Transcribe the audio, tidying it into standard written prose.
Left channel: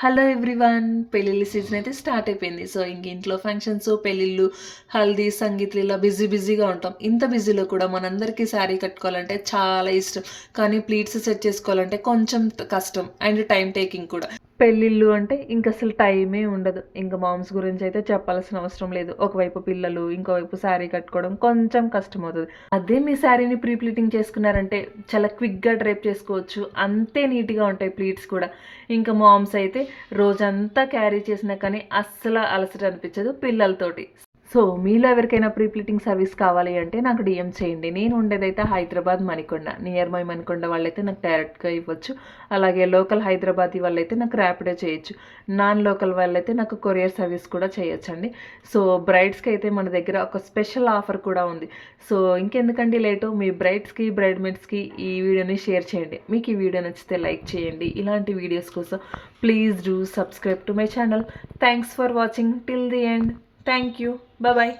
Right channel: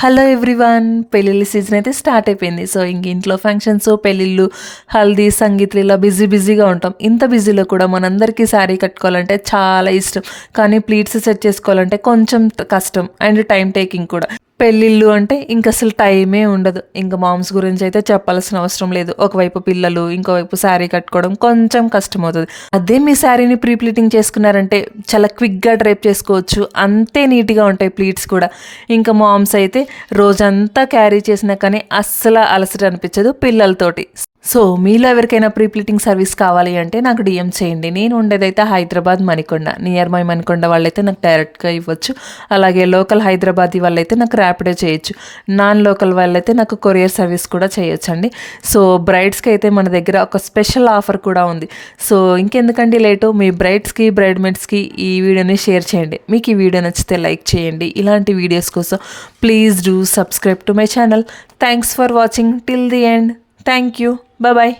Hello everyone, పెళ్ళిళ్ళ season అయితే start అయిపోయింది. సో ఇంక ఇంట్లో ఫంక్షన్స్, పెళ్ళిళ్ళు, హల్దీ, సంగీత్లు ఇలా బిజీగా ఉంటాం. ఇంత బిజీలో కూడా మనందరికీ శారీ కట్టుకోవాలంటే చాలా ఇష్టం. కానీ ప్లీట్స్ సెట్ చేసుకోవాలంటే కొంచెం కష్టం అండ్ టైం టేకింగ్ కూడా. పెళ్ళిళ్ళు అంటే ఇంక అసలు టైమే ఉండదు. ఇంక మామ్స్ గురించి అయితే చెప్పాల్సిన అవసరం లేదు. ఒకవైపు పిల్లలు, ఇంకోవైపు శారీ కట్టుకోవడం కొంచెం కష్టమవుతుంది. అదే మీ శారీని ప్రీ ప్లీటింగ్ చేసుకున్నారంటే చాలా క్విక్గా డ్రైప్ చేసుకోవచ్చు. అంతే నీట్గా ఉంటాయి ప్లీట్స్ కూడా. ఇంకా మామ్స్ అయితే రోజంతా క్యారీ చేసినా కానీ అస్సలు అలసట అనిపించదు పిల్లలతోటి. సో మీలో ఎవరికైనా ప్రీ ప్లీటింగ్ సర్వీస్ కావాలి అంటే నాకు డిఎం చేయండి. నేను ఉండేదైతే హైదరాబాద్ మణికొండ, నియర్ మై మణికొండ వాళ్ళైతే నాకు డైరెక్ట్గా ఇవ్వచ్చు. అలాగే లోకల్ హైదరాబాదీ వాళ్ళైతే నాకు ర్యాపిడో చేయొచ్చు. నాన్ లోకల్ వాళ్ళైతే నాకు కొరియర్ సర్వీస్ కూడా చేయొచ్చు అండి. సో బ్రైడ్స్కి అయితే మన దగ్గర ఒక స్పెషల్ ఆఫర్ కూడా ఉంది. సో ఇంకెందుకండి లేటు, మీ బ్రైడ్స్కి బ్రైడ్మేట్స్కి ఈ వీడియోని షేర్ చేయండి. మీకు ఈ వీడియో నచ్చితే లైక్ చేయండి. ఇలాంటి వీడియోస్ కోసం please do subscribe to my channel. Thanks for watching till the end. Thank you. Bye bye.